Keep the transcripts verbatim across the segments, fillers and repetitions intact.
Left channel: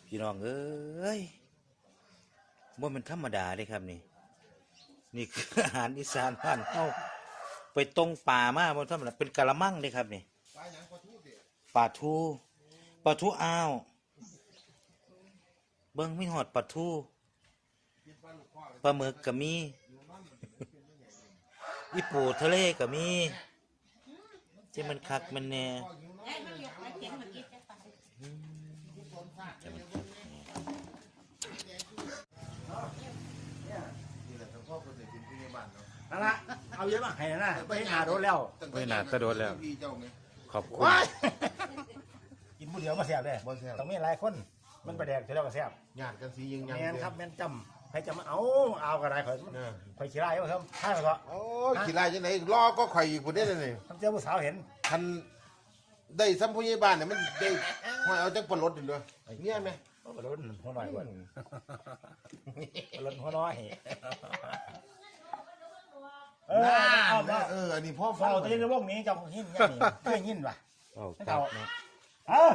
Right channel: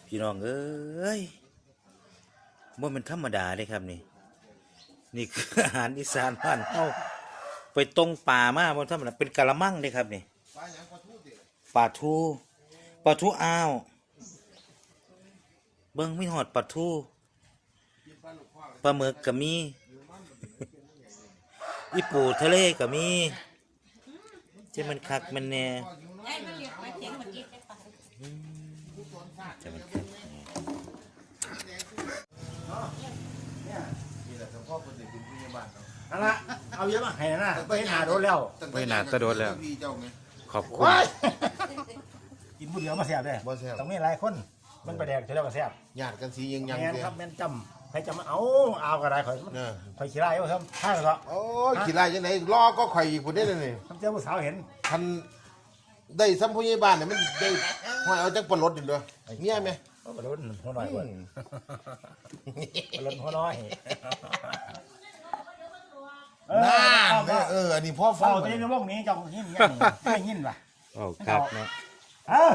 พี่น้องเอ้ยบ่เป็นธรรมดาเลยครับนี่นี่คืออาหารอีสานบ้านเฮาไปตรงป่ามาบ่ธรรมดาเป็นกะละมังเด้ครับนี่ปลาทูปลาทูอ้าวเบิ่งไม่หอดปลาทูปลาหมึกก็มีอีปูทะเลก็มีที่มันคักมันแน่นั่นละเอาเยอะมาให้นะไปหนาโดนแล้วไปหนาก็โดนแล้วขอบคุณกินบุญเดียวมาแซ่บเลยต้องมีหลายคนมันไปแดกเท่ามาแซ่บหยาดกันสียังยังแม่นเดียครับแม่นจำให้จำเอาเอากระไรข่อยเนี่ยข่อยขี้ไล่ว่าครับใช่เหรอโอ้ยขี่ไล่ยังไงรอก็ข่อยอีกคนได้เลยนี่ทำเจ้าผู้สาวเห็นทันได้ซ้ำผู้ใหญ่บ้านเนี่ยมันได้หอยเอาจังปลดอยู่เลยเงี้ยไหมก็ลุ้นหัวน้อยกว่าลุ้นหัวน้อยน่าเนี่ยเอออันนี้พ่อฟัเฝ้าง ตัวนี้ในวงนี้เจ้าหินยังเพื่อหินว่ะโอ้ครับนะเออ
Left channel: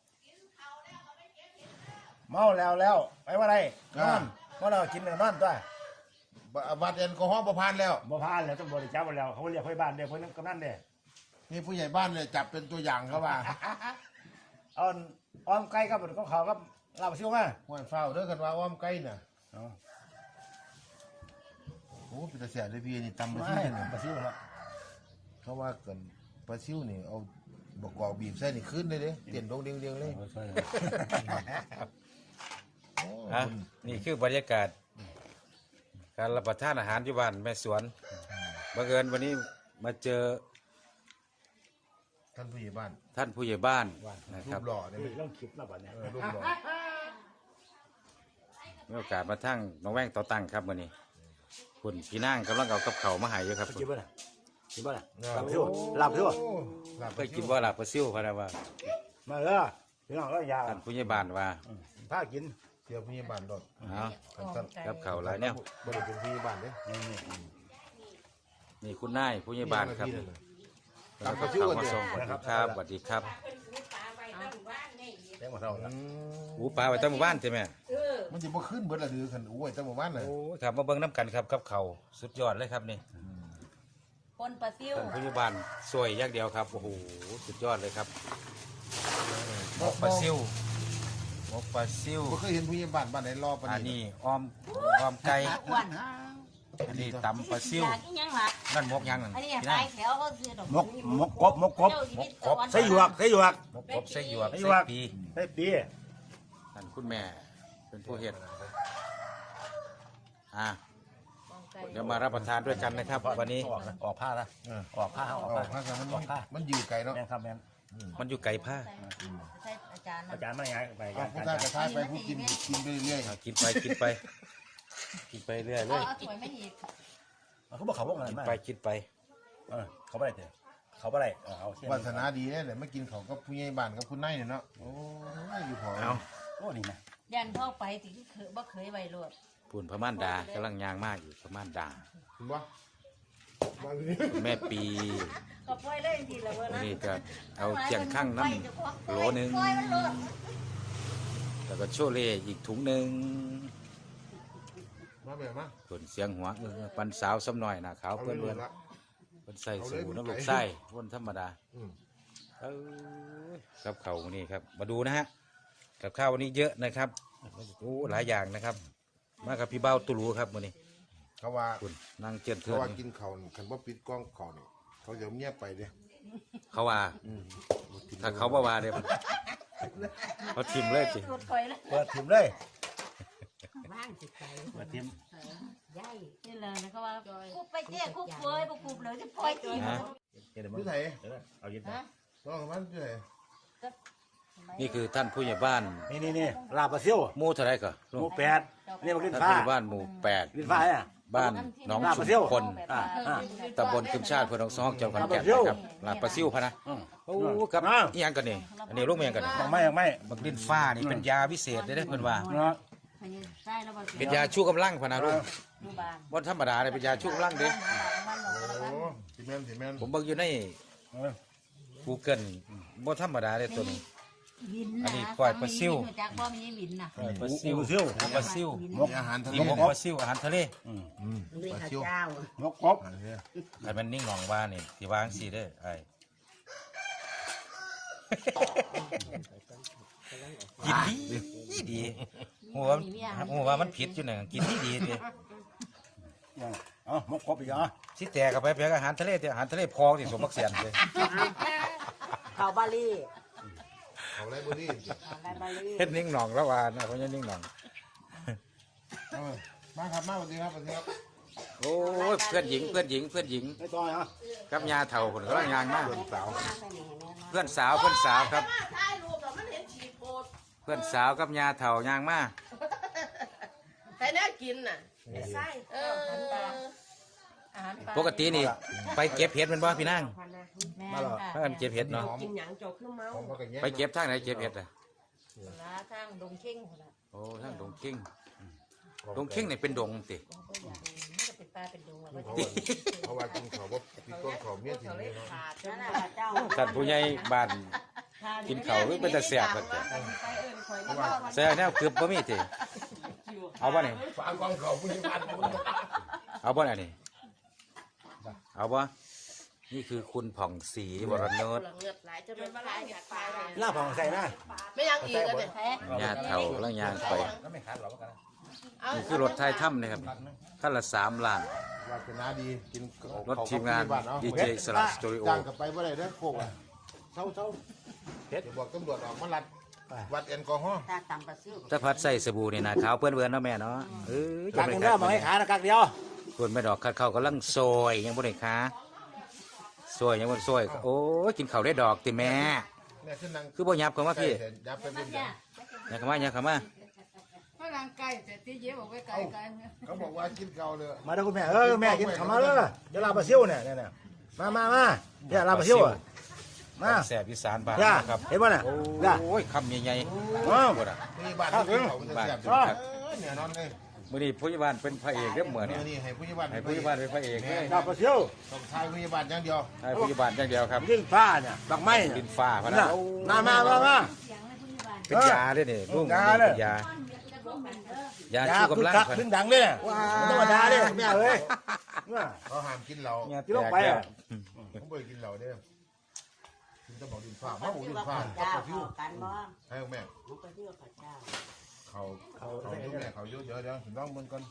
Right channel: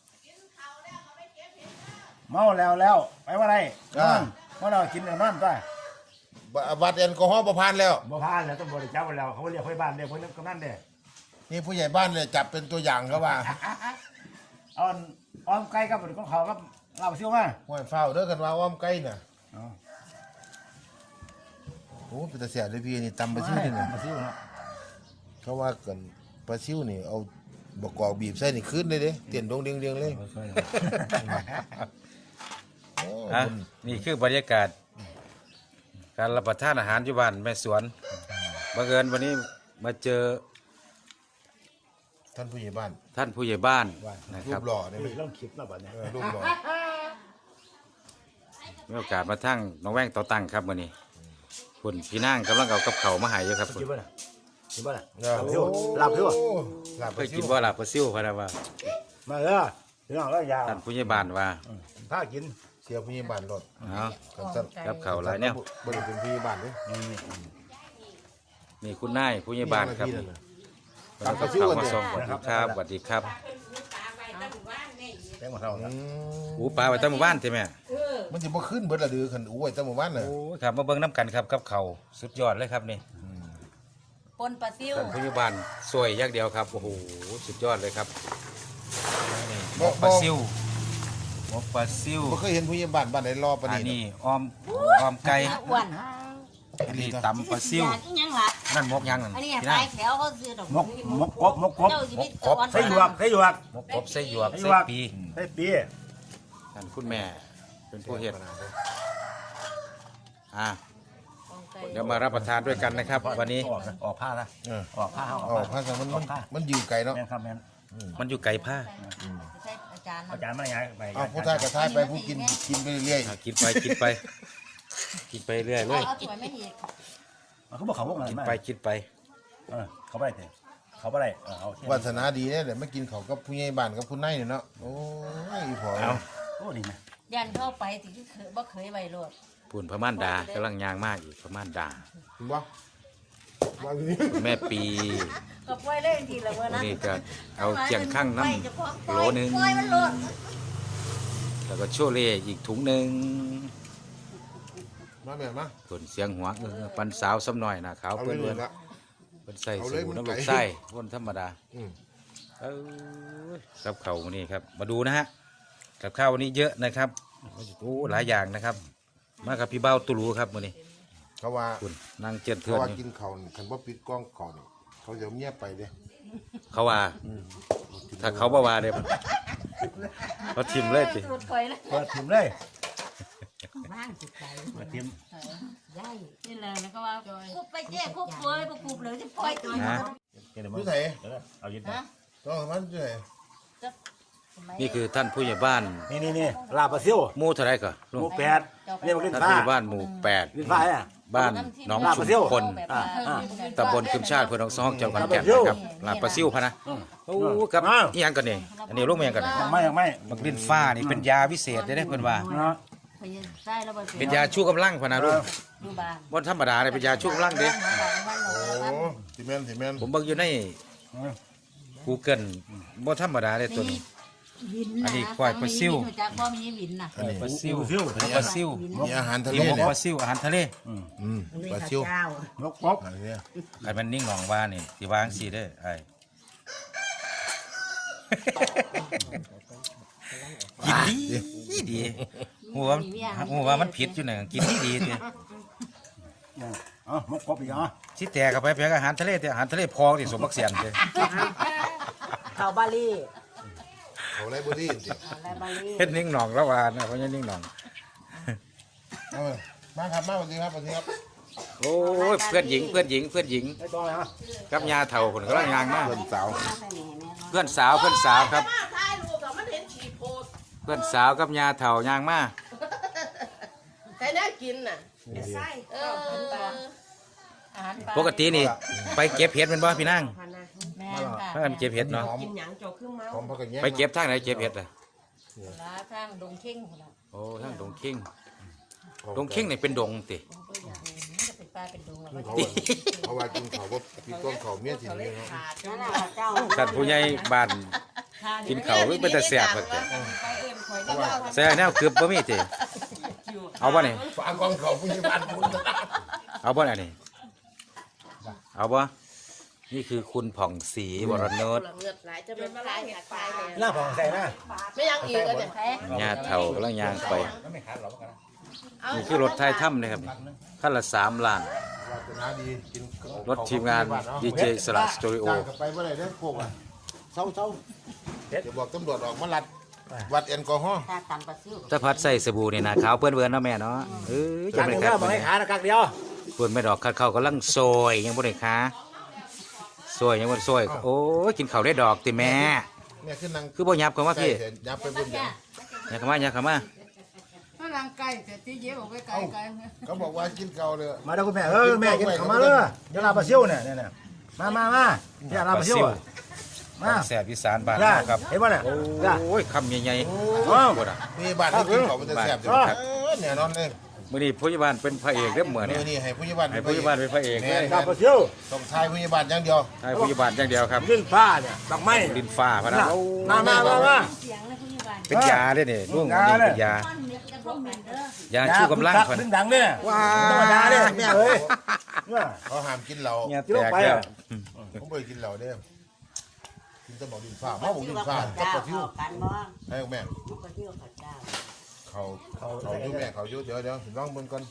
เมาแล้วแล้วไปว่าไรนอนว่าเรากินแล้วนอนตัววัดแอลกอฮอล์ประพานแล้วบ่พานแล้วต้องบริจาคไปแล้วเขาเรียกไฟบ้านเรียกไฟน้ำกำนันเนี่ยนี่ผู้ใหญ่บ้านเนี่ยจับเป็นตัวอย่างเขาว่าเอาอ้อมไก่กับของเขากับเราเชี่ยวมาห้วยเฝ้าเด้อกันว่าอ้อมไก่น่ะโอ้เป็นตาเสียเลยพี่นี่ตำปลาซิวนี่มาเชี่ยวเนาะเขาว่ากันปลาซิวนี่เอาบกกอกบีบใส่นี่ขึ้นเลยเด้เตียนดงเดียงเดียงเลยอ่ะนี่คือบรรยากาศการรับประทานอาหารอยู่บ้านแม่สวนบังเอิญวันนี้มาเจอท่านผู้ใหญ่บ้านท่านผู้ใหญ่บ้านนะรูครับปหล่อเนี่ยนี่ต้องคลิปเนาะบัดนี้เออรูปหล่อมีโอกาสมาทั้งน้องแว่งต่อตั้งครับวันนี้คุณพี่นั่งกำลังเอากับเขาวมาใหายอยู่ครับคลิปป่ะน่ะคลิปป่ะน่ะโอ้หลับเถอะหลับเคไปยซิกินวว่าลาบปลาซิวพะนะว่ามาเด้อพี่น้องก็ยาท่านผู้ใหญ่บ้านว่าถ้ากินเสียผู้ใหญ่บ้านรถเอากันสั้นกับเขาวหลายเนี่ยบริเป็นผู้ใหญ่บ้านเด้นี่นี่นี่คุณนายผู้ใหญ่บ้านครับพี่นั่นน่ะแล้วก็เข้ามาส่งสวัสดีครับสวัสดีครับแกงของเราอืมอูปลาไปตั้งหมู่บ้านใช่ไหมมันจะบ่ขึ้นเบิดละเดือขันอู้ไว้ตั้งหมู่บ้านน่ะโอ้ยครับมาเบิ่งน้ำกันครับกับเขาวสุดยอดเลยครับนี่ปนปลาซิวท่านผู้ใหญ่บ้านสวยอย่างเดียวครับโอ้โหสุดยอดเลยครับหมบ่กปลาบ่ซิวหมกปลาซิวบ่เคยเห็นผู้ใหญ่บ้านบ้านไหนรอปานอันนี้นี้อ้อมอ้อมไก่อ้วนอันนี้ตำปลาซิวอย่างอีหยังล่ะนั่นหมกยังนั่นอันนี้พี่ปลานั่ยงแถวเขาซื้อดอกมกมกกบมกกบมกกบใส่หยวกใส่หยวกหมกกบใส่หยวกใส่หใส่ยวกปีใส่ปีท่านคุณแม่เป็นผู้เฮ็ดอ่าเดี๋ยวมารับประทานด้วยกันนะครับ วันนี้ออกออกผ้าละเออออกผ้าออกเอาผ้าพากันมันอมัอน กผ้ามันอยู่ไกลเนาะแม่ครับแม่มันอยู่ไกลผ้าใช่อาจารย์อาจารย์มาอย่างไรเอาผู้ทายกระทายไปผู้กินกินไปเรื่อยอ่ะกินไปกินไป กินไปเรื่อยเลเอายเอาถ้วยไม่หีบเขาบอกเขาบอกอะไรกินมาไปกินไปเออเขาไม่ได้เถอะเขาไม่ได้เออเอาๆวาสนาดีเนี่ยเดี๋ยวมากินเขาวกับผู้ใหญ่บ้านกับผู้นายเนี่ยเนาะโอ้ยอีพอเอาโอ้นี่นะยันเข้าไปติที่เคยบ่เคยไว้รวดปุ่นพม่านดากำลังยางมากอีกพม่านดาเห็นบ่มาเลยแม่ปีก็ปล่อยเล่นทีละเมื่อวันนั้นนี้ก็เอาเจียงข้างน้ำโหลหนึงปล่อยมันรวดแล้วก็โชเล่อีกถุงหนึ่งมาแบบนะส่วนเสียงหัวเออปันสาวซ้ำหน่อยนะขาวเอาเลเพื่ยอนเลยละเพื่อนใส่เอาสูเลยงมันน้ำไก่ลูกไส้วนธรรมดาอืมเอ้ยกับข้าววันนี้ครับ มาดูนะฮะกับข้าววันนี้เยอะนะครับโอ้หลายอย่างนะครับ มากับพี่เบ้าตุลูครับวันนี้เขาว่าคุณนั่งเจียนเขาเทือนว่านี่กินเขาวนี่คันว่าปิดกล้องเขานี่เขาจะเงียบไปเด้เขาว่า ถ้าเขาบ่ว่าเด้เขาทิมเลยสิรถคอยเลยเปิดถิ่มเลยบ้านสิไปเปิดถิ่มย่ายนี่แหละแล้วก็ว่าคุบไปเจ๊คุบเฟยบ่คุบเลยจะปล่อยตัวนะพี่ไสเอายึดฮะต้องมันพี่ไสนี่คือท่านผู้ใหญ่บ้านนี่นี่นี่ลาบปลาซิวหมู่เท่าไรก่อนหมูแปดเรียกว่าลิ้นท่านฟ้าผู้ใหญ่บ้านหมู่แปดลิ้นฟ้าอ่ะบ้านหน้องชุมพลอ่าอ่าตำบลคึมชาติเพื่อนน้องซองจังหวัดขอนแก่นนะครับลาดปลาซิวพะนะอืมโอ้ครับอ้าวอีหยังกันนี่อันนี้ลูกเมียงกันนี่ยังไม่ยังไม่บักลิ้นฟ้านี่เป็นยาวิเศษได้เพิ่นว่านะไปใช่แล้วบ่เป็นยาชูกำลังพะนะลูกดูบ้านบ่ธรรมดาเลยเป็นยาชูกำลังเด้โอ้สิแม่นสิแม่นผมเบิ่งอยู่ในเออ Google บ่ธรรมดาเลยตัวนี้วินอันะนนี้กล้วยปลาซิ่วรู้จักบ่มีวินน่ะอันนี้ปลาซิวปลาซิ่วปลาซิวมีอาหารทะเลเรียกเนี่ยปลาซิวอาหารทะเลอืมปลาซิวนกกบอันนี้คันมันนิ่งของว่านี่สิวางสิเด้อไอ้กินดีดีหัวหัวมันผิดอยู่น่ะกินดีดีเด้เอ๋อนกกบอีกเหรอสิแตกเข้าไปเพียงอาหารทะเลแต่อาหารทะเลพอที่สมบักเสียนเด้เขาบาลีเขาไรบุรีสิอะไรบาลีเฮ็ดนิ่งหนองแล้วว่านะเขาจะนิ่งหนองเอามามาครับมาสวัสดีครับสวัสดีครับโอ้ยเพื่อนหญิงเพื่อนหญิงเพื่อนหญิงไอ้ต้อยฮะกับยาเฒ่าคนก็งานมากเพื่อนสาวเพื่อนสาวเพื่อนสาวครับ เพื่อนสาวกับยาเฒ่ายางมาให้น่ากินน่ะใช่เอออาหารปลาปกตินี่ไปเก็บเห็ดแมันบ่พี่นางพันนะแม่นค่ะพากันเก็บเห็ดเนาะกินหยังโจขึ้นเมาพร้อมพักกันแย่งไปเก็บทางไหนเก็บเห็ดล่ะลาทางดงเข่งพุ่นน่ะโอ้ทางดงเข่งดงเข่งนี่เป็นดงติมันก็เป็นปลาเป็นดงแล้วกินเขาว่าเพราะว่ากินเขาว่าพี่ก้องเขาเมียสินี้นะนั่นแหละเจ้าท่านผู้ใหญ่บ้านกินข้าวหรือเป็นตาแซ่บครับติแซ่บแนวคือบ่มีติเอาบ่นี่ฝากก้องเขาผู้ใหญ่บ้านคุณเอาบ่อันนี้เอาบ่นี่คือคุณผ่องศรีวรนุชเลือดไหลจะเป็นมาไล่เห็ดปลาหน้าผ่องใส่นะไม่ยังอีกเลยเนี่ยยาเฒ่าแล้วยางไปก็ไม่ขาดหรอกกันนะนี่คือรถไทยถ้ำเลยครับขั้นละสามล้านน้าดีกินรถทีมงานดีเจสลัดสตูดิโอจ้างกันไปเมื่อไหร่นะพวกอ่ะเศร้าเศร้าเดี๋ยวบอกตำรวจออกมาลัดวัดแอลกอฮอล์ตาตังปลาซิวถ้าพัดใส่สบู่นี่นะขาวเปื้อนเวือนเนาะแม่เนาะเอ้ยกัจะกไม่เดียวได้บอกให้ขาตะกักเดียวเปื้อนไม่ดอกคัดเข้ากำลังซอยยังบ่ได้ขาซอยยังบ่ได้ซอยโอ้ยกินข้าวได้ดอกติแม่แม่ขึ้นนั่งคือบ่ยับเข้ามาใกล้พี่เห็นยับไปบนเดียวอย่าเข้ามาอย่าเข้ามาก็ร่างกายแต่ที่เย็บออกไปไกลไกลเขาบอกว่ากินเกาเลยมาเด้อคุณแม่เออแม่กินข้าวมาเลยเดี๋ยวลาปลาซิ่วเนี่ยเนี่ยมามามาเดี๋ยวลาปลาซิ่วมาแซ่บอีสานบ้านย่าเราครับเห็นป่ะเนี่ยย่าโอ้ยคำใหญ่ๆอ้าวโอ้ยนี่บ้านที่กินเขามันจะแซ่บจังอ๋อเออเนี่ยนอนเลยมื้อนี้ผู้ใหญ่บ้านเป็นพระเอกเด้อมื้อนี่นี้นี่ให้ผู้ใหญ่บ้านให้ผู้ใหญ่บ้านเป็นพระเอกแม่ลาปลาซิ่วต้องทายผู้ใหญ่บ้านอย่างเดียวให้ผู้ใหญ่บ้านอย่างเดียวครับลิ้นฟ้าเนี่ยดอกไม้ดินฟ้าพะนะมามามามาเสียงนะผู้ใหญ่บ้านเป็นยาเด้อนี่ลุงยาเด้อเป็นยาต้นเม็ดจะพ่อมินเด้อยาชูกำลังคักเพิ่นดึงดังเนี่ยธรรมดาเนี่ยแม่เอ้ยเขาห้ามกินเหล้าเนี่ยที่แตลงกไปแล้วอ่ะผมไม่กินเหล้าเด้อกินแต่หมอดินฟ้าหมอบอกดินฟ้ากับเจ้าปลาทิวกันบ่ให้แม่ปลาซิวเขาเจ้าเขาเขาอยู่แม่เขาอยู่เดี๋ยวเดี๋ยวลองเบิ่งก่อน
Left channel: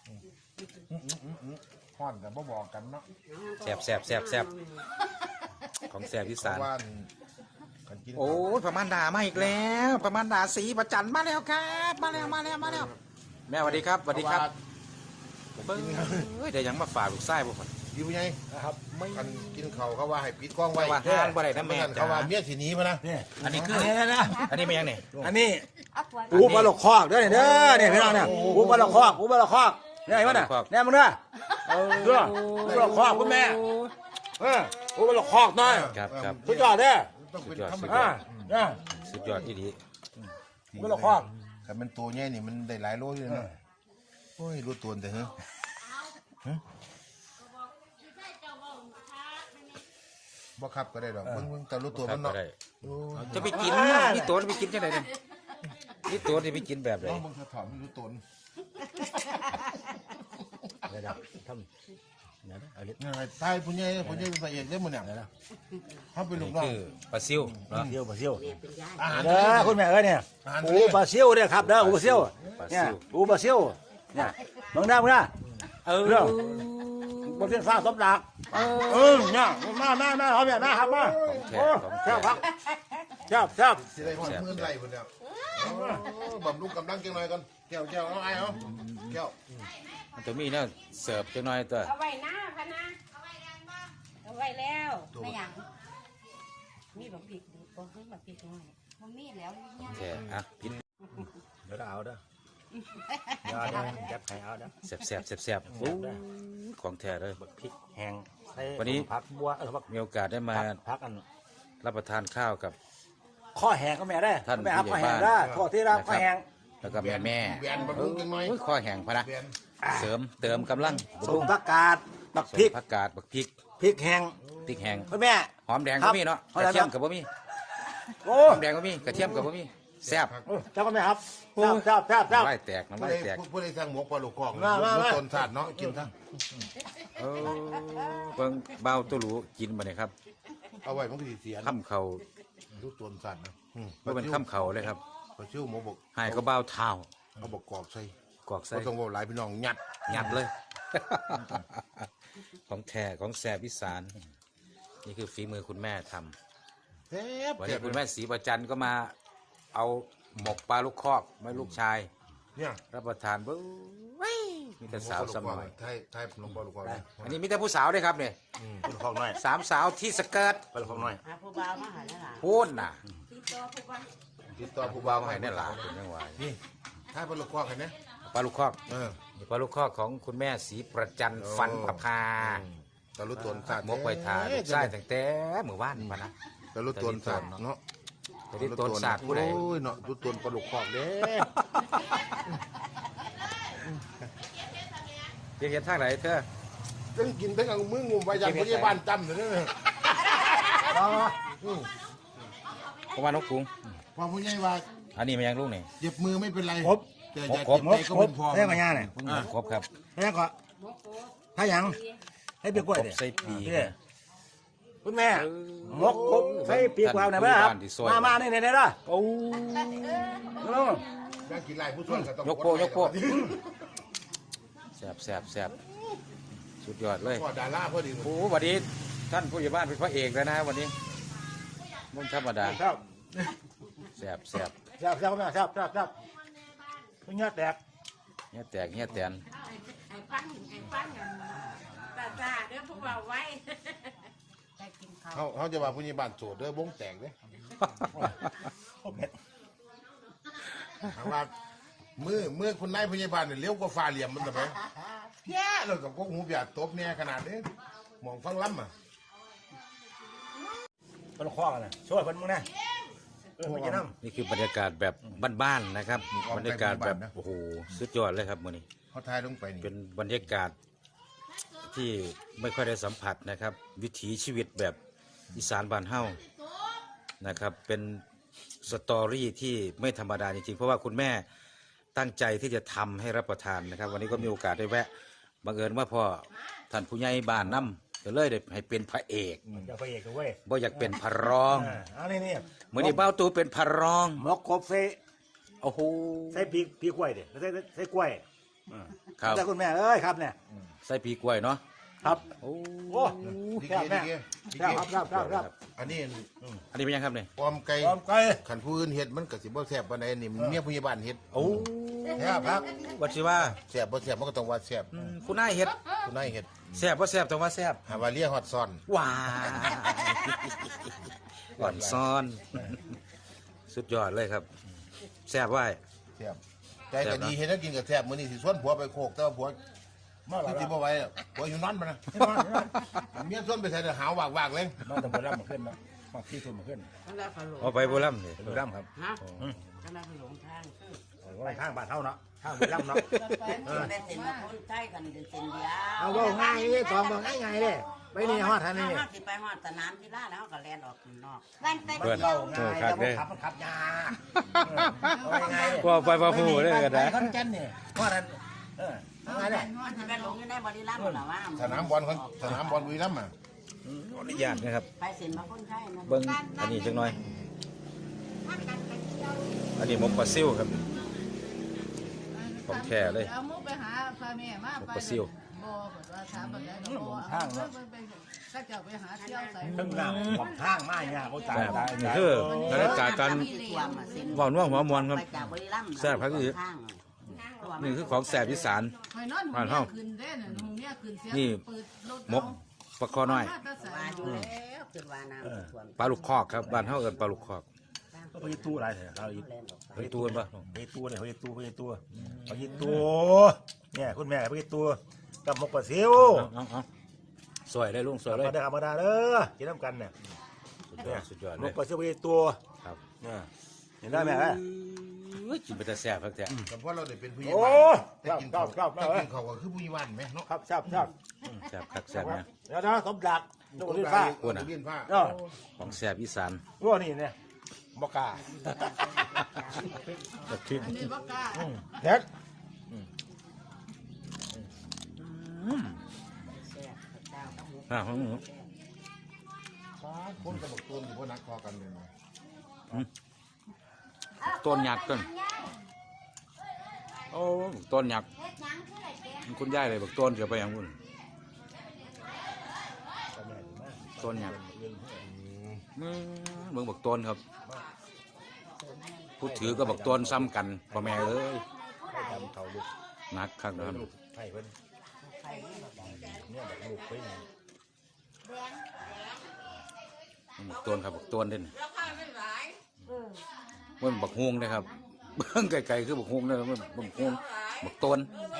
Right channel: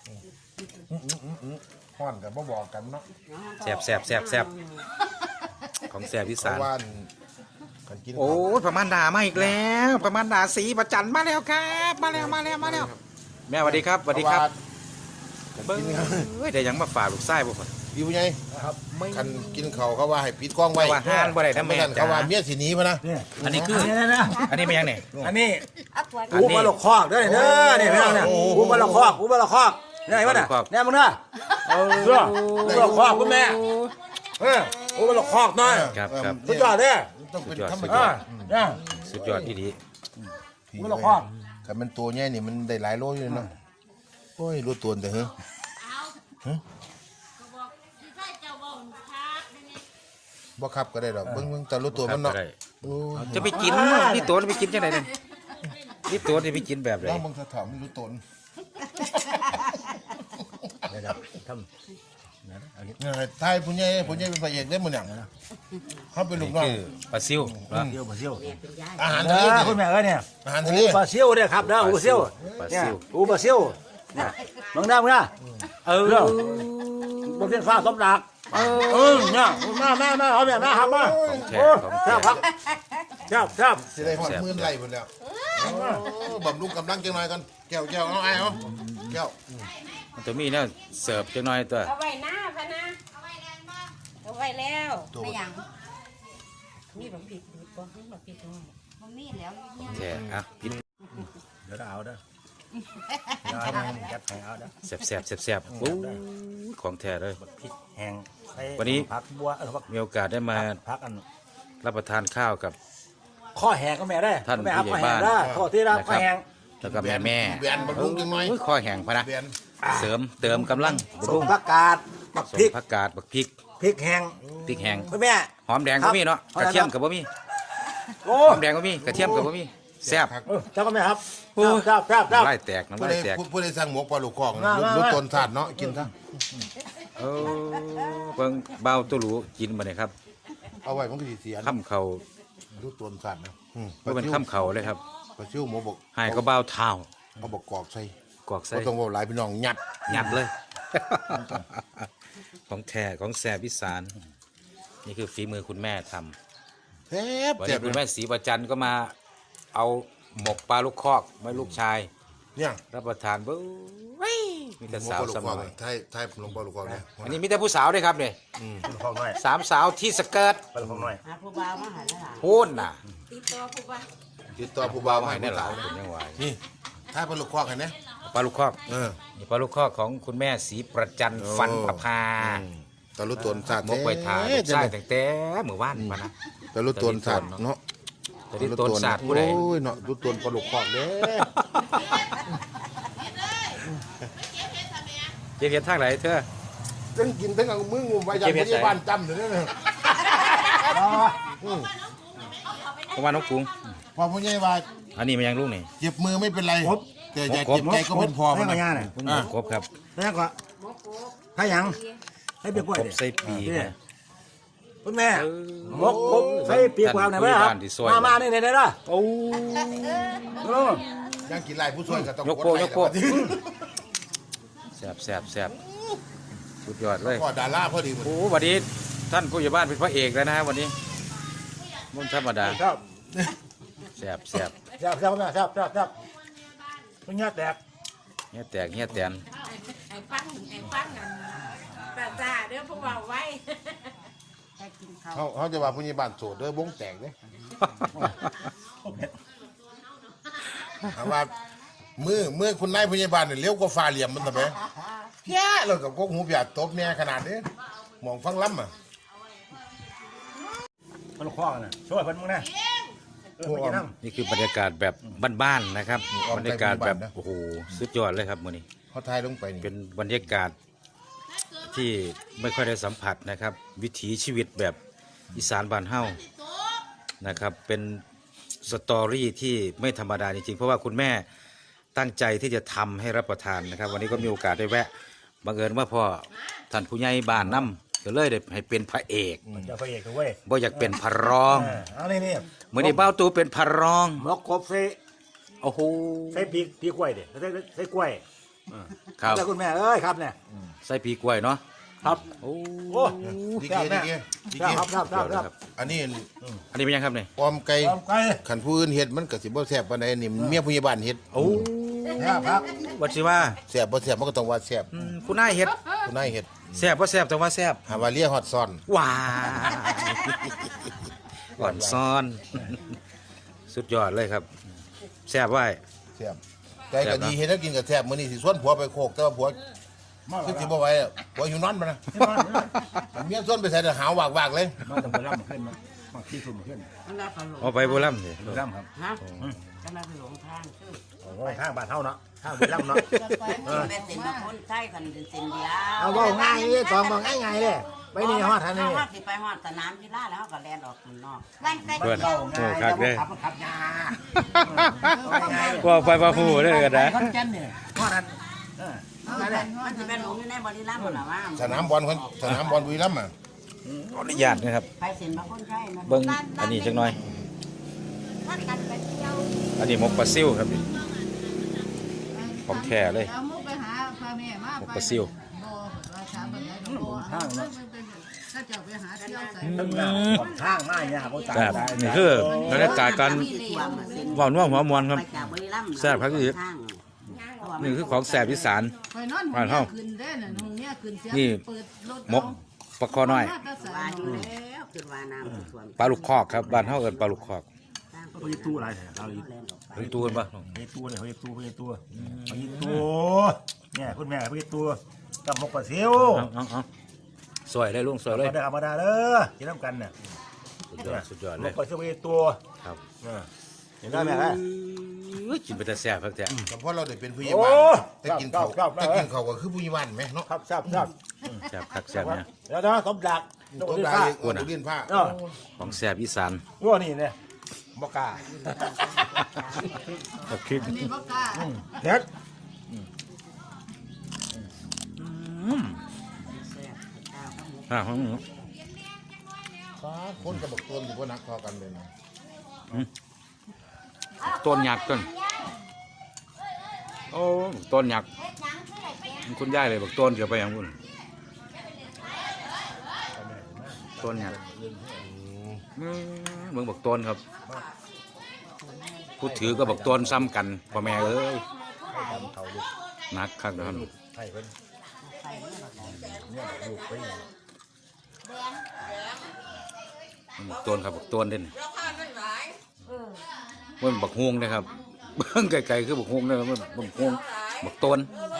ฮ้อนกับบ่บอกกันเนาะแสบแสบแสบแสบของแสบที่เขาสานว่ากันกินโอ้ยประมาณดามาอีกแล้ว ประมาณดาสีประจันมาแล้วครับ มาแล้วมาแล้วมาแล้วแม่สวัสดีครับสวัสดีครับกันเบิ้งกินเฮ้ยเดี๋ยวยังมาฝากลูกไส้บ่คนอยู่ไงคันกินเขาเขาว่าให้ปิดกล้องไว้ว่าห้านบ่ได้นะแม่คันเขาว่าเมียสิหนีมานะนี่อันนี้คือนี่นะอันนี้เป็นยังไงอันนี้อักไว้อูบอลคอกเด้อเด้อเนี่ยพี่น้องเนี่ยอูบอลคอกอูบอลคอกเนี่ยเห็นป่ะเนี่ยเนี่ยมึงเนี่ยเอาอูบอลคอกคุณแม่เอออูบอลคอกหน่อยครับครับสุดยอดเด้อต้องเป็นธรรมอ่าชาติเนี่ยสุดยอดที่ดีอูบอลคอกคันมันตัวใหญ่นี่มันได้หลายโลอยู่เนาะโอ้ยรู้ตัวแต่เฮ้อบ่ขับก็ได้ดอกเบิ่งเบิ่งแต่รู้ตัวมันเนาะโอ้จะไปกินนี่ตัวจะไปกินจังไหนเนี่ยนี่ตัวจะไปกินแบบไหนแล้วมึงสะถอมรู้ตนนะครับทำเนี่ยทายผู้ใหญ่ผู้ใหญ่เป็นพระเอกได้มื้อเนี่ยเขาเป็นลูกน้องคือปลาซิวนะเที่ยวปลาเที่ยวอาหารเอทะเลอเนี่ยคุณแม่เอ้ยเนี่ยอาหารทะเลปลาเที่ยวเนี่ยครับเด้อปลาเที่ยวเนี่ยอูปลาเที่ยวเนี่ยมึงได้มึงได้เออเนี่ยมึงเป็นฟ้าสมรักเออเนี่ยมามามาเอาแบบมาครับมาแท้โอ้ของแซ่แท้บครับแซ่บแซ่บสิได้ฮอดหมื่นไร่พุ่นแล้วโอ้บำรุงกำลังจังหน่อยก่อนแก้วแก้วเอาไอ้เอาแก้วตัวมีเนี่ยเสิร์ฟจังหน่อยตัวเอาไว้หน้าพะนะเอาไว้แล้วตัวไม่ยังมีหลงผิดดูบ่ให้มาผิดน้อยมันมีแล้วเนี่ยแท้อ่ะกินเดี๋ยวเอาเด้อเดี๋ยวเอาแคปแข็งเอาเด้อแซ่บแซ่บแซ่บแซ่บโอ้ยของแท้เลยพริกแห้งใส่วันนี้ผักบัวเออผักมีโอกาสได้มาผักอันรับประทานข้าวกับข้อแห้งก็แม่ได้ท่านแม่ครับผู้ข้อใหญ่แห้งบ้านได้ข้อที่รับข้อแห้งแล้วก็แม่แม่แบนบำรุงจังหน่อยโอ้ยข้อแห้งพะนะแบนเสริมเติมกำลังสบำรุมงผักกาดบักสพริมกผักกาดบักพริกพริกแห้งพริกแห้งคุณแม่หอมแดงครัก็บมีเนาะเอากละระเทียมครับกับบ่มีโอ้หอมแดงก็มีกระเทียมก็มีแซ่บครับเจ้าก็ไม่ครับแซ่บแซ่บแซ่บแซ่บไล่แตกน้ำผู้ลาใดยแตกผู้ใดสั่งหมกปลาลูกคอกมามารู้ตนศาสตร์เนาะกินซะเออเบิ่งเบาตัวหรูกินมาเนี่ยครับเอาไว้มันก็สิเสียข้ามเข่ารู้ตนศาสตร์นะอืมก็เป็นข้ามเข่าเลยครับปลาซิวหมูบกหายก็เบาเท้าเอาบกกอกใส่กอกใส่ก็ต้องว่าหลายพี่น้องยัดงัดเลย ของแท้ของแซ่บอีสานนี่คือฝีมือคุณแม่ทำแซ่บวันแซ่นี้บคุณเลแม่ยศรีประจันก็มาเอาหมกปลาลูกคอกมาลูกชายเนี่ยรับประทานเบ้ยมีหแต่มูสาวปลาลูกสคอกมัยไทยไทยหลวงปลาลูกคอกนะอันนี้มีแต่ผู้สาวด้วยครับเนี่ยอืมเป็นของหน่อยสามสาวที่สเกิร์ตเป็นของหน่อยหาผู้บ่าวมาหาได้ล่ะพูดน่ะติดตัวผู้ว่าติดต่อผู้บ่าวมาให้เนี่พี่ยหลาสายวนะยังหวานนี่ถ้าปลาลูกคอกเห็นไหมปลาลูกคอกเออนี่ปลาลูกคอกของคุณแม่ศรีประจันฟันประพาอืมแต่รู้ตนศาสตร์หมกไปทานแท้ใช่จังเลยแต่งแต่เมื่อวานมานะแต่รู้ตนศาสตร์เนาะแต่ที่ต้นศาสตร์ผู้ใดโอ้ยเนาะรู้ตนปลาลูกคอกเด้เจียเพียนทางไหนเธอทั้งกินทั้งเอามืองุมไว้ยังพยาบาลจำเลยนะประมาณน้องกรุงพอผู้ใหญ่ว่าอันนี้มันยังลูกนี่เจ็บมือไม่เป็นไรแต่อย่าเจ็บใจก็เป็นพอแม่มันงนะย่าเนี่ยเพิ่งหมดครบครับแม่งก็ถ้ายังให้ปีกล้วยครบดิใส่ปีนี่นะคุณแม่มกครบใส่ปีกล้วยหน่อยไหมครับมามานี่นี่นี่ละโอ้ยังกินไรผู้ช่วยก็ต้องยกโป้ยกโป้ดไลค์แซ่บแซ่บแซ่บสุดยอดเลยก็ดาราพอดีหมดโอ้วันนี้ท่านผู้ใหญ่บ้านเป็นพระเอกแล้วนะฮะวันนี้มันธรรมดาครับแซ่บแซ่บแซ่บแซ่บแซ่บแซ่บแซ่บคุณแง่แตกเงี้ยแตกเงี้ยแตนไอ้ฟังไอ้ฟังนั่นตาตาเดี๋ยวผู้ว่าไว้ได้กินข้าวเขาเขาจะว่าผู้ใหญ่บ้านโสดเด้อวงแตกเลยแต่ว่ามือมือคุณนายผู้ใหญ่บ้านเนี่ยเลี้ยวกว่าฟ้าเหลี่ยมมันทำไมเพี้ยเรากับกกหูเปียดตบเนี่ยขนาดนี้มองฟังล้ำอ่ะมันคล้องนะช่วยคนมึงนะเออไปกินน้ำนี่คือบรรยากาศแบบบ้านๆนะครับบรรยากาศแบบโอ้โหสุดยอดเลยครับมื้อนี้เขาทายลงไปนี่เป็นบรรยากาศที่ไม่ค่อยได้สัมผัสนะครับ วิถีชีวิตแบบอีสานบ้านเฮานะครับ เป็นสตอรี่ที่ไม่ธรรมดาจริงๆเพราะว่าคุณแม่ตั้งใจที่จะทำให้รับประทานนะครับ วันนี้ก็มีโอกาสได้แวะบังเอิญว่าพ่อท่านผู้ใหญ่บ้านนํก็เลยได้ให้เป็นพระเอกอย่าไปเอกเว้ยบ่อยากเป็นพระรองเอานี่นี่มื้อนี้เบ้าตูเป็นพระรองหมกครบใส่โอ้โหใส่ปีปีกล้วยดิใส่ใส่กล้วยครับใส่คุณแม่เอ้ยครับเนี่ยใส่ปีกล้วยเนาะครับโอ้โอ้ดีเกดีเกดีเกครับครับครับครับอันนี้อันนี้เป็นยังครับเนี่ยออมไก่ยอมไก่ขันผู้อื่นเฮ็ดมันก็สิบ่แซ่บปานใดนี่เมียผู้ใหญ่บ้านเฮ็ดโอ้ครับครับวัดสิว่าแซ่บบ่แซ่บมันก็ต้องว่าแซ่บอืมคุณนายเฮ็ดผู้นายเฮ็ดแซ่บบ่แซ่บแต่ว่าแซ่บหาว่าเลียฮอดซ่อนว้าก่อนซ้อน สุดยอดเลยครับแซ่บไว้แซ่บใจก็ดีเฮ็ดแล้วกินก็แซ่บมื้อนี้สิชวนผัวไปโคกแต่ว่าผัวมาคือสิบ่ไหวอะผัวอยู่นอนบ่นะมาเมียชวนไปใส่แต่หาววากๆเลยมาต้องไปรับมาขึ้นมามาขี้ทุ่มมาขึ้นมันได้ขนมเอาไปโบราณสิบุรีรัมย์ครับฮะก็ได้ไปหลงทางโอ้ยข้างบ้านเท่าเนาะข้างบุรีรัมย์เนาะเป็นสิมาคนใช้กันเป็นสินเดียวเอาว่าง่ายเลยตองมาง่ายง่ายเลยไปนี่ฮอดทันนี่เขาสิไปฮอดสนามกีฬาแล้วก็แล่นออกข้างนอกนั่นไปเพื่อนเล่าโอ้ง่ายครัแต่บว่าเด้ขับขับยาว่าไปว่าผู้ได้กันนะคอนเจนนี่ฮอดทันเอออะไรเนี่ยมันสิไปหลงอยู่ในบริรัมย์ล่ะว่าสนามบอลคนสนามบอลบุรีรัมย์อ่ะขออนุญาตนะครับไปสิมาคนใช้นะเบิ้งอันนี้จักหน่อยถ้าตัดไปเที่ยวอันนี้หมกปลาซิวครับของแท้เลยเอามุกไปหาพาแม่มาหมกไปปลาซิวบ่ราคาแบบไหนก็บ่ก็จะไปหาเที่ยวใส่ตั้งหน้าขอบข้างง่ายเนี่ยผมตายแบบตายนี่คือบรรยากาศการหวานว่าหัวมวนครับไปจากบริรัมย์แซ่บครับพี่ นี่คือของแซ่บอีสานไปนอนห้องเนี่ยขึ้นได้น่ะห้องเนี่ยขึ้นเสียงนี่เปิดรถหมกปลาคอน้อยว่าอยู่แล้วคือว่าน้ำท่วมปลาลูกคอกครับบ้านเฮาเอิ้นปลาลูกคอกเขาจะตู้อะไรเถอะเขาจะเป็นตัวกันปะเขาจะตู้เลยเขาจะตู้เขาจะตู้เขาจะตู้เนี่ยคุณแม่เขาจะตู้กับหมกปลาซิวเอาเอาเอาสวยเลยลุงสวยเลยธรรมดาธรรมดาเด้อกินน้ำกันเนี่ยสุดยอดสุดยอดหเลมยกปลาซิวเขาจะตู้ครับเออเห็นได้ไหมฮะอุ้ยกินไปแต่แซ่บครับแต่แต่พอเราได้เป็นผู้ใหญ่โอ้บ้านแต่กินเขาครับครับแต่กินเขาก็คือผู้ใหญ่บ้านไหมเนาะครับทราบทราบแซ่บคักแซ่บเนี่ยแล้วนะสมดักตัวนี้ได้ป้าเออตัวเลียนผ้าเนาะของแซ่บอีสานรั่วนี่เนี่ยบ่กล้าบักพริกนี่บ่กล้าเฮ็ดอืมอ่าฮะคนกับบอกต้นอยู่ว่านักพอกันเลยนะต้นหยักต้นโอ้ต้นหยักคุณย่ายเลยบอกต้นเกี่ยวไปอย่างคุณต้นหยักอืมมึงบอกต้นครับผู้ถือก็บอกต้นซ้ำกันพ่อแม่เอ้ยหนักครับนะครับไผ่เพิ่นเนี่ยดูไปเนี่ยบอกต้นครับบอกต้นเด่นมันบอกฮวงนะครับเบื้องไกลๆคือบอกฮวงนะครับมันบอกฮวงบอกต้น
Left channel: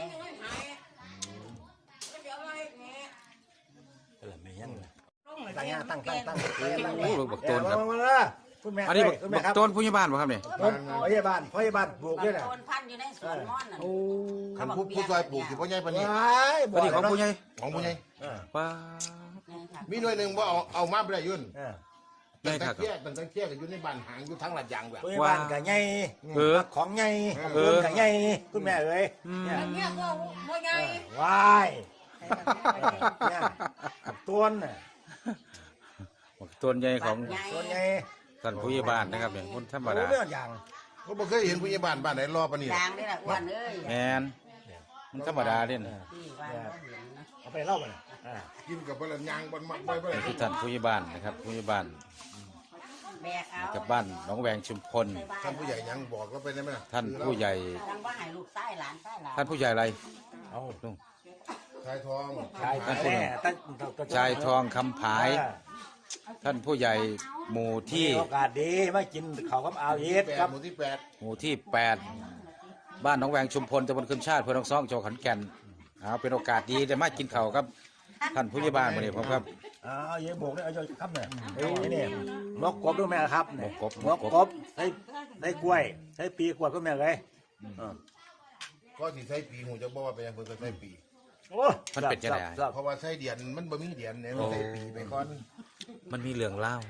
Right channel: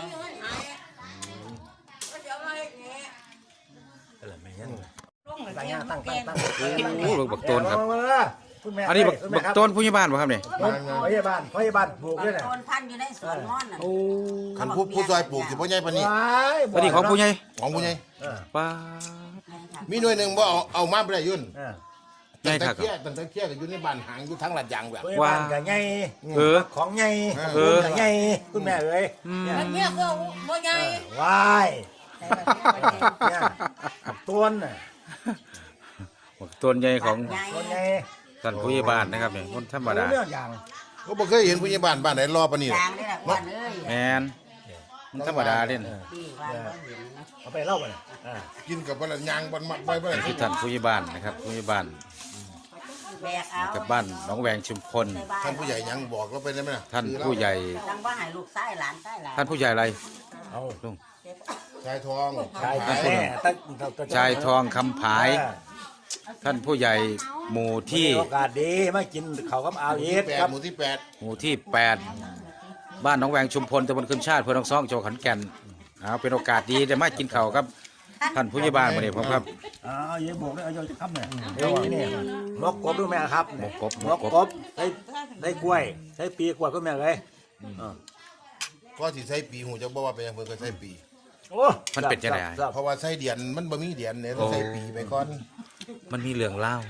เออไม่งั้นตั้งย่างตั้งตั้งตั้งโอ้บอกต้นครับมามาคุณแม่อันนี้บอกบอกต้นผู้ใหญ่บ้านป่ะครับเนี่ยพยาบาลพยาบาลปลูกเนี่ยน่ะต้นพันธุ์อยู่ในสวนม่อนน่ะโอ้คันผู้ผู้ซอยปลูกสิบ่ใหญ่ปานนี้ว้ายวันนี้ของผู้ใหญ่ของผู้ใหญ่เออป้ามีหน่วยหนึ่งบ่เอาเอามาบ่ได้ยุ่นเออตั้งแต่เคี้ยตั้งแต่เคี้ยก็อยู่ในบ้านหางอยู่ทั้งหลัดยางแบบพยาบาลกับไงเออของไงเออกับไงคุณแม่เอ้ยอืมเนี่ยก็บ่ใหญ่ว้ายเนี่ยต้นน่ะบอกต้นใหญ่ของต้นไงท่านผู้ใหญ่บ้านนะครับนี่คนธรรมดาเรื่องอย่างก็บ่เคยเห็นผู้ใหญ่บ้านบ้านไหนรอปานนี้ยางนี่แหละอ้วันเอ้ยแมนมันธรรมดาเด่นพี่ว่าต้องเห็นนะเอาไปเล่าไปน่ะอ่ากินกับบ่ละยางบ่มักบ่บ่ได้ที่ท่านผู้ใหญ่บ้านนะครับผู้ใหญ่บ้านแบกเอากับบ้านหนองแวงชุมพลท่านผู้ใหญ่ยังบอกเราไปได้ไหมล่ะท่านผู้ใหญ่ทำว่าให้ลูกชายหลานชายหลานท่านผู้ใหญ่อะไรเอาลุงชายทองชายขายแม่ตั้งตั้งชายทองคำผาย ท่านผู้ใหญ่หมู่ที่โอกาสดีมากินข้าวกับอาหมู่เอที่สแปครัดบหมู่ที่แปดหมู่ที่แปดบ้านหนองแวงชุมพลตำบลขึ้นชาติอำเพื่อน้องซ่องจังหวัดขอนแก่นเอาเป็นโอกาสดีได้มากินข้าวครับ ท่านผู้ใหญ่บ้านมาเนี่ยผมครับเอาเอาเยอะโบกเลยเอาเยอะครับเนี่ยเดี๋ยวนี่มกกบด้วยแม่ครับเนี่ยมกกบมกกบได้ได้กล้วยได้ปีกล้วยก็แม่เลยอ่าก็สิใช้ปีหูจะบอกว่าเป็นยังเพิ่นก็ใช้ปีโอ้มันเป็นจังไงครับเพราะว่าใช้เดียนมันบ่มีเดียนเนี่ยต้องใช้ปีไปก่อนมันมีเรื่องเล่า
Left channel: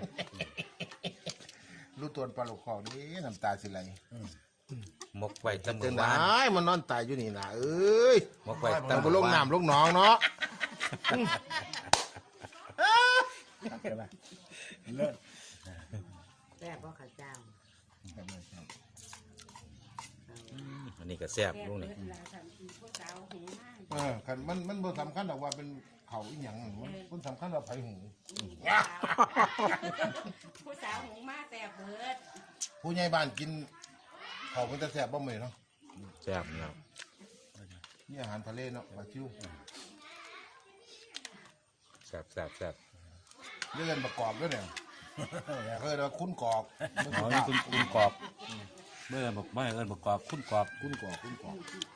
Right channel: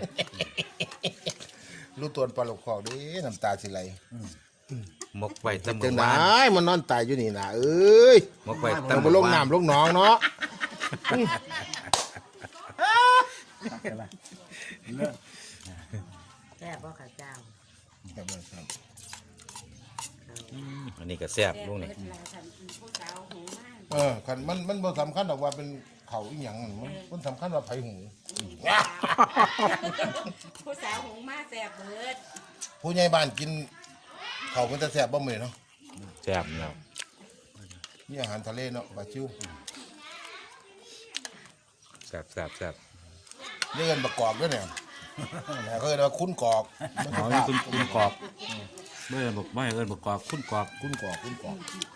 รู้ตัวปลาลูกคอกเด้น้ำตาสิไหลมกไว้ตั้งจังไดบ้านมันนอนตายอยู่นี่น่ะเอ้ยมกไว้มัตั้นงบ่ลงบ้านน้ำลงหนองเนาะครับเดี๋ยวนะแซ่บบ่ข้าวเจ้าอันนี้ก็แซ่บลุงนี่เออคันมันมันบ่สำคัญหรอกว่าเป็นเขาอีหยังมันมันสำคัญว่าไผหูผู้สาวหงมาแสบเบิดผู้ใหญ่บ้านกินเขามันจะแซ่บบ่มื้อเนาะแซ่บแล้วมีอาหารทะเลเนาะปลาชิวแซ่บแซ่บแซ่บเลื่อนประกอบด้วยเนี่ยเคยเรียกว่าคุ้นกอกอ๋อนี่คุณคุณกรอบไม่เอินบอกไม่เอินบอกกรอบคุณกรอบคุ้นกอกคุ้นกอก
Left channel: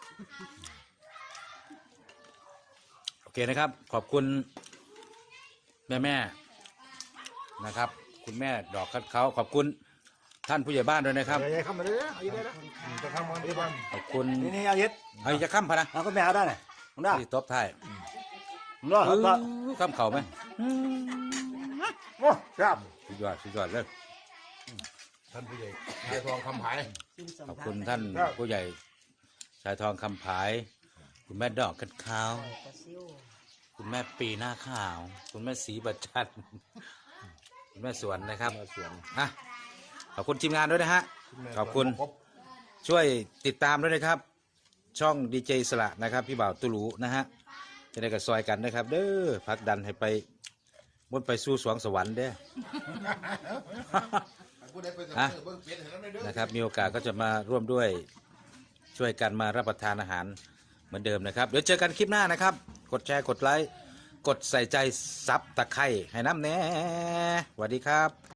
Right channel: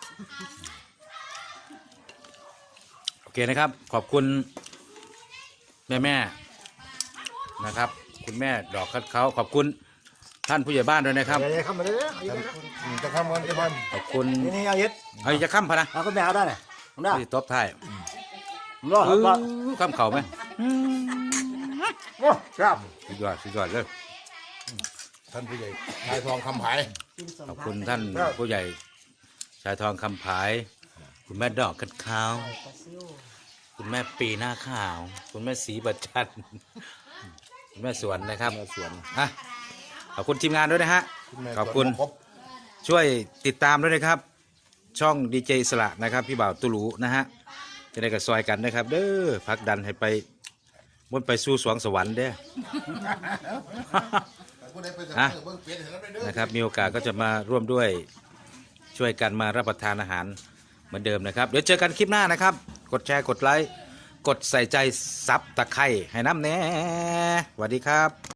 โอเคนะครับ ขอบคุณแม่แม่ๆนะครับ คุณแม่ดอกคัดเขาขอบคุณท่านผู้ใหญ่บ้านด้วยนะครับเดี๋ยวเข้ามาเลยอืมจะทำมันจะทขอบคุณนี่นี่เอาเย็ดเฮ้ยจะข้ามพะนะเอาก็แม่เอาได้เลยผมได้ที่ตบท้ายรอเอรออข้ามเข่าไหมโอ้ครับสุดยอดสุดยอดเลยำท่านผู้ใหญ่ชายทองคำผายขอบคุณท่านผู้ใหญ่ชายทองคำผาย คุณแม่ดอกคัดขาว คุณแม่ปีหน้าขาว คุณแม่สีบัตจันคุณแม่สวนนะครับมาสวนอ่ะขอบคุณทีมงานด้วยนะฮะแม่ขอบคุณสวนครบช่วยติดตามด้วยนะครับ ช่องดีเจสละนะครับ พี่บ่าวตุลูนะฮะจะได้กับซอยกันนะครับเด้อพักดันให้ไปบนไปสู่สวงสวรรค์เด้อผู้ใดไปสอ่ะมัครเบิ่งเปลี่ยนให้เราได้เด้อนะครับมีโอกาสก็จะมาร่วมด้วยช่วยกันมารับประทานอาหารเหมือนเดิมนะครับ เดี๋ยวเจอกันคลิปหน้านะครับ กดแชร์กดไลค์กดใส่ใจซับตะไคร่ให้น้ำแน่สวัสดีครับ